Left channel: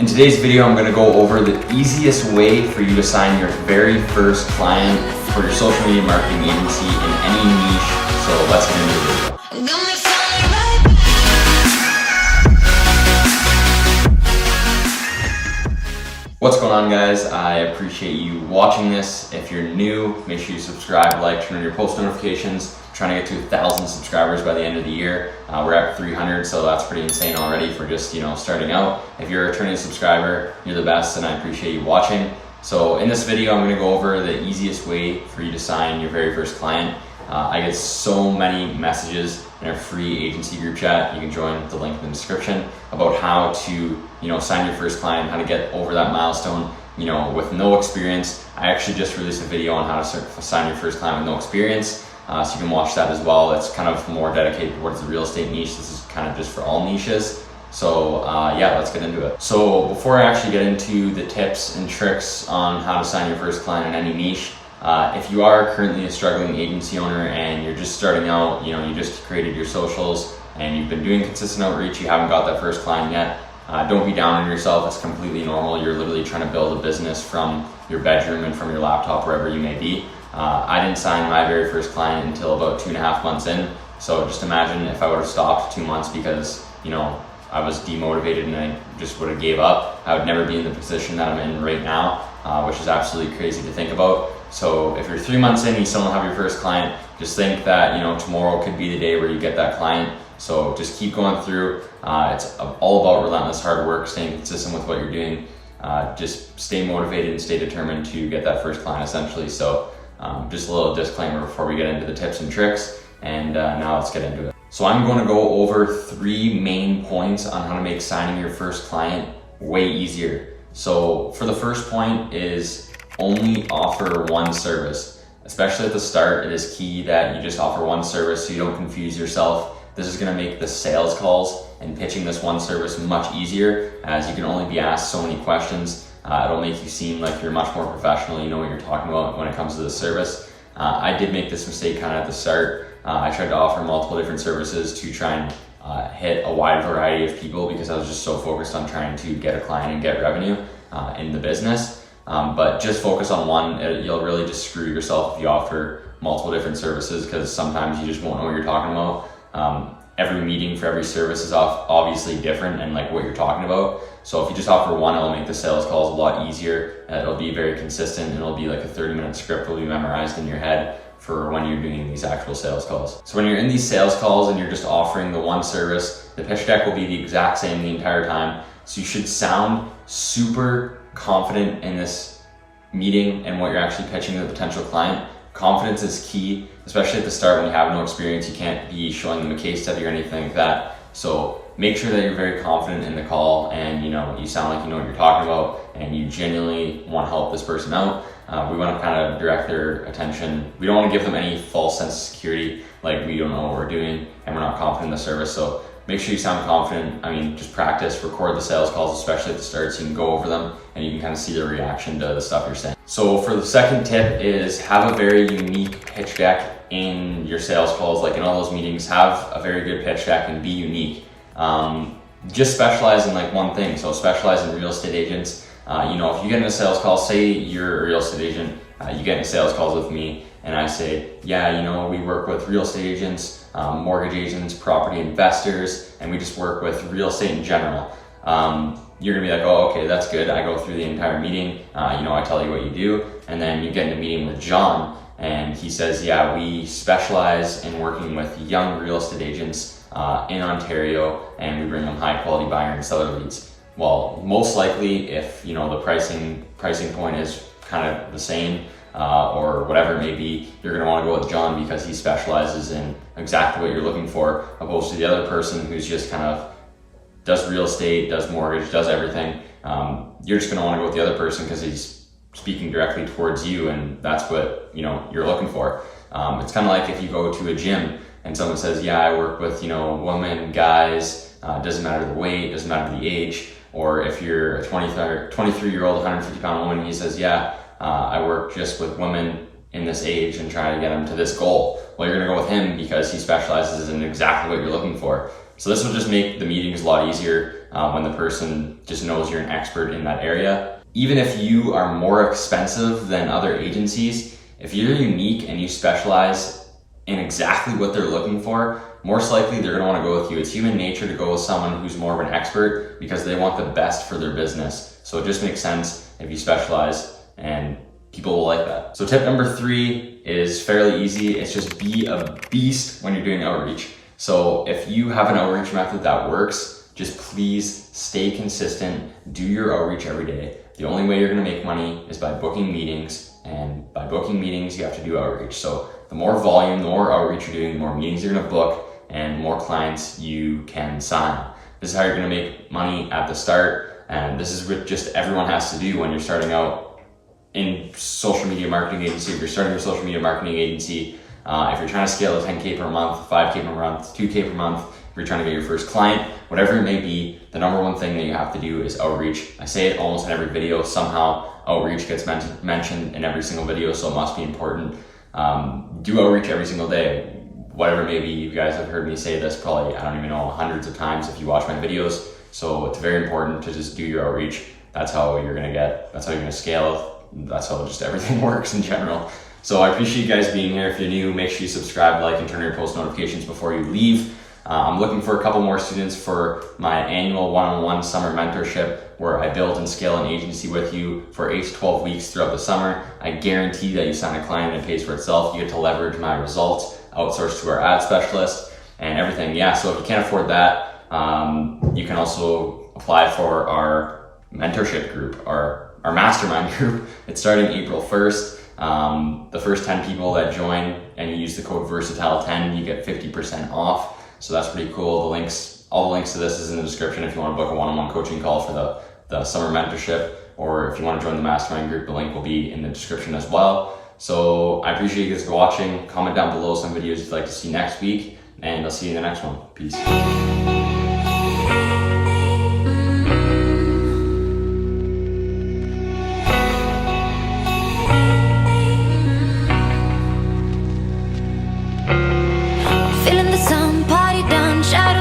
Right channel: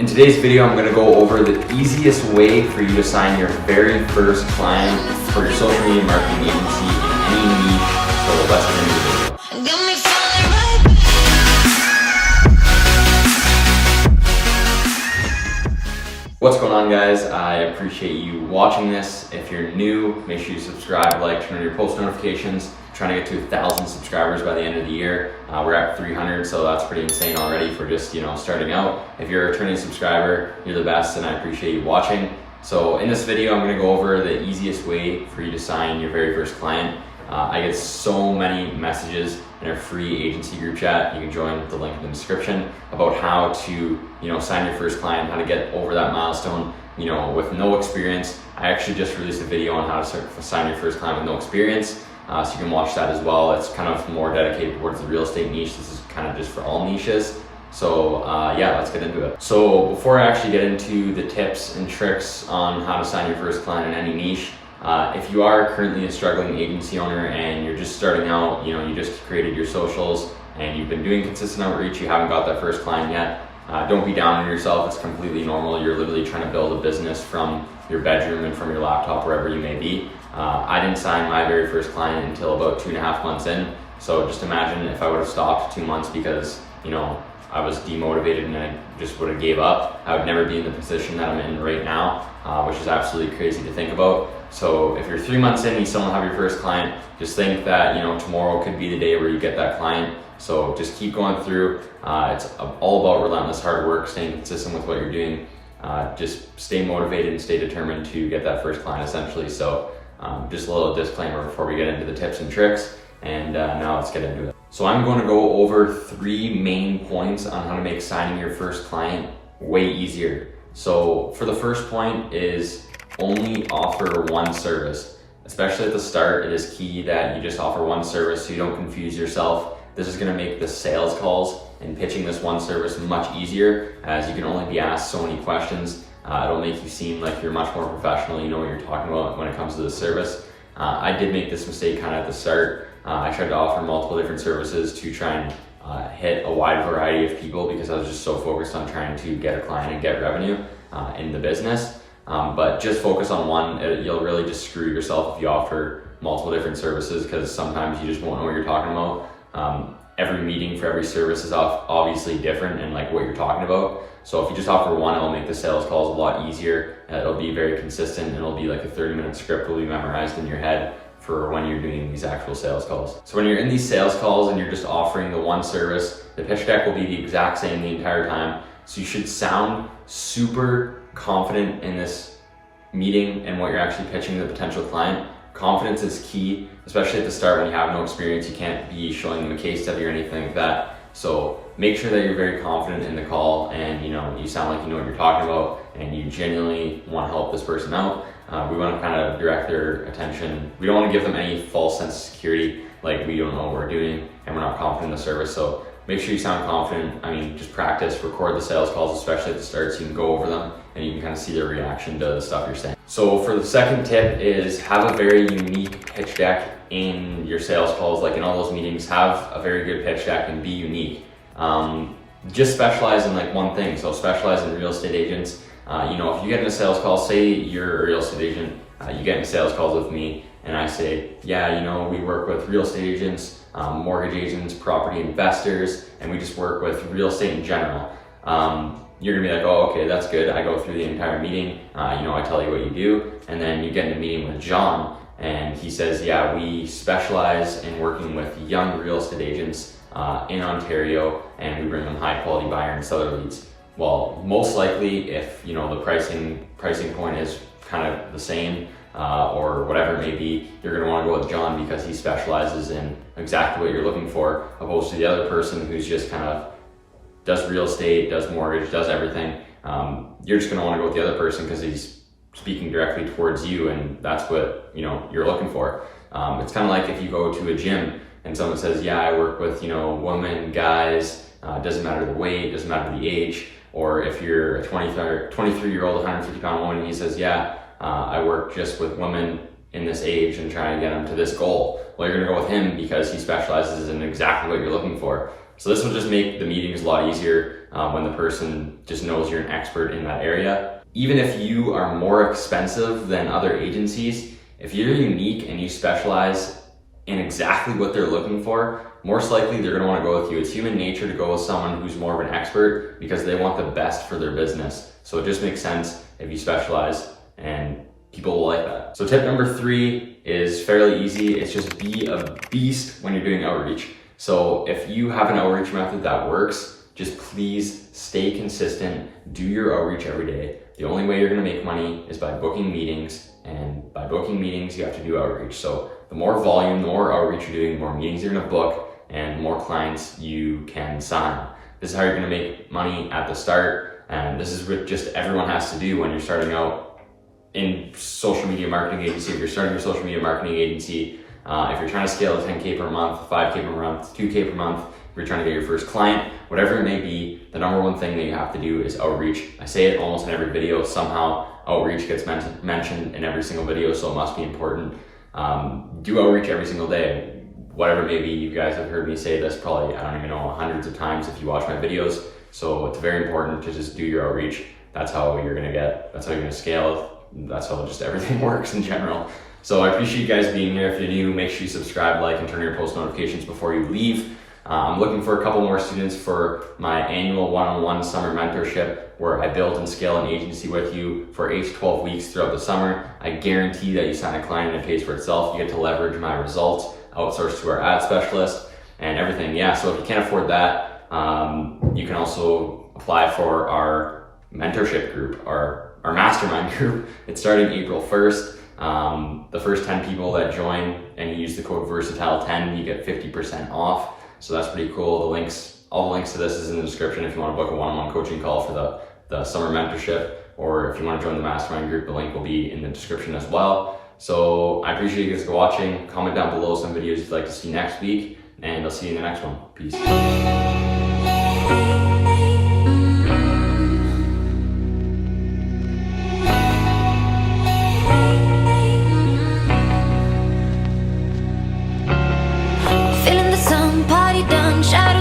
In today's video, I'm going to go over the easiest way for you to sign your very first client for your social media marketing agency in any niche. So let's get into the video. What's going on, guys? I appreciate you watching this. If you're new, make sure you subscribe, like, turn on your post notifications. I'm trying to get to 1,000 subscribers by the end of the year. We're at 300, so that's pretty insane already for just, starting out. If you're a returning subscriber, you're the best, and I appreciate you watching. So in this video, I'm gonna go over the easiest way for you to sign your very first client. I get so many messages in our free agency group chat. You can join the link in the description about how to, sign your first client, how to get over that milestone, with no experience. I actually just released a video on how to sign your first client with no experience. So you can watch that as well. It's kind of more dedicated towards the real estate niche. This is kind of just for all niches. So yeah, let's get into it. So before I actually get into the tips and tricks on how to sign your first client in any niche, if you are currently a struggling agency owner and you're just starting out, you just created your socials and you've been doing consistent outreach, you haven't got that first client yet, don't be down on yourself. It's completely normal. You're literally trying to build a business from your bedroom and from your laptop, wherever you may be. I didn't sign my very first client until about 2.5 months in. So just imagine if I would have stopped 2 months because, I was demotivated and I just would have gave up, I would never be in the position that I'm in right now, which is absolutely crazy to think about. So if you're 3 months in and you still don't have your first client, just think that, tomorrow could be the day where you get that client. So just keep going through. It's all about relentless hard work, staying consistent with what you're doing. Just stay motivated and stay determined to get that first client essentially. So just a little disclaimer before we get into the tips and tricks. And now let's get into it. So I'm going to go over 3 main points on how to make signing your first client way easier. So for the first point is only offer one service. Especially at the start, it is key that you just offer one service so you don't confuse yourself. This is going to make the sales calls and pitching this one service much easier, as you can only be asked so many questions. It'll make you seem like you're much more professional, you know what you're talking about when it comes to the service. I did make this mistake kind of at the start. I tried to offer multiple different services to try and hit a wide variety of people because I was just so focused on trying to get a client and get revenue in the business. But just focus on one. You'll really just screw yourself if you offer multiple different services, because sometimes you just won't know what you're talking about. Every meeting for every service is obviously different and like what you're talking about. So if you just offer one, it'll make the sales calls a lot easier. It'll be very consistent. It'll be like a 30-minute script will be memorized in your head for when you're doing these actual sales calls. So when you're in these sales calls and you're just offering the one service, the pitch deck will be the exact same the entire time. So you should sound super confident in this meeting and what you're actually pitching to the potential client. Confidence is key, especially at the start when you have no experience. You can't be showing them a case study or anything like that. So make sure that you're very confident in the call and you sound like you know what you're talking about and you genuinely want to help this person out. We want to kind of direct their attention. We don't want to give them any false sense of security, like we don't know what we're doing and we're not confident in the service. So make sure you sound confident. Just practice, record the sales calls, especially at the start, so you can go over them and you can kind of see their reaction to the stuff you're saying. So for the second tip is have a very unique pitch deck in your sales calls. Like in all those meetings, have a very good pitch deck and be unique. Just specialize in like one thing. So specialize in real estate agents. If you get in a sales call, say you're a real estate agent, you get in sales calls with me and I say, yeah, we work with real estate agents, mortgage agents, property investors, and we just work with real estate in general. You're gonna be like, oh, okay, that's good. I go through the entire meeting, I tell you what you do, and then you get in a meeting with John and he says, yeah, we specialize in working with young real estate agents in Ontario, and we bring them high quality buyer and seller leads. Well, most likely if the pricing point is kind of the same or whatever it may be, you're going to want to go with John because he specializes in exactly what you're looking for, opposed to the other person who's just kind of does real estate, does mortgage, does everything. You're just going to want to go with the other person because he's speaking directly towards you and that's what you're looking for. It's kind of like if you go to a gym and someone says, yeah, I work with women, guys, doesn't matter the weight, doesn't matter the age. Or if you're a 23-year-old 150-pound woman, he says, yeah, I work just with women in this age and trying to get them to this goal. Well, you're gonna go with him because he specializes in exactly what you're looking for. So this will just make the meetings a lot easier. when the person just knows you're an expert in that area. Even if you are more expensive than other agencies, if you're unique and you specialize in exactly what they're looking for, most likely they're gonna wanna go with you. It's human nature to go with someone who's more of an expert because they want the best for their business. So it just makes sense if you specialize, and people will like that. So tip number 3 is fairly easy. It's just be a beast when you're doing outreach. So if you have an outreach method that works, just please stay consistent, do your outreach every day. The only way you're gonna make money is by booking meetings, and by booking meetings, you have to do outreach. So the more volume, the more outreach you're doing, the more meetings you're gonna book, and the more clients you can sign. This is how you're gonna make money at the start, and this is what just everyone has to do when you're starting out in social media marketing agency. If you're starting your social media marketing agency, if you're trying to scale to 10K per month, 5K per month, 2K per month, if you're trying to get your first client, whatever it may be, the number one thing that you have to do is outreach. I say it almost in every video. Somehow outreach gets mentioned in every single video, so it must be important. Do outreach every single day. Whatever it may be, you guys have heard me say this probably, I don't even know, hundreds of times if you watch my videos. So it's very important to just do your outreach. That's how you're gonna scale. That's how just everything works in general. So I appreciate you guys being here. If you're new, make sure you subscribe, like, and turn on your post notifications before you leave. I'm looking for a couple more students for my annual one-on-one summer mentorship, where I build and scale an agency with you for 8 to 12 weeks throughout the summer. I guarantee that you sign a client and it pays for itself. You get to leverage my results, outsource to our ad specialist, and everything. Yeah, so if you can't afford that, you can also apply for our mentorship group, our mastermind group. It's starting April 1st. The first 10 people that join and you use the code Versatile10, you get 50% off. So that's pretty cool. All the links to this is in the description if you want to book a one-on-one coaching call for the summer mentorship, or if you want to join the mastermind group, the link will be in the description as well. So I appreciate you guys watching. Comment down below some videos you'd like to see next week, and I'll see you in the next one. Peace.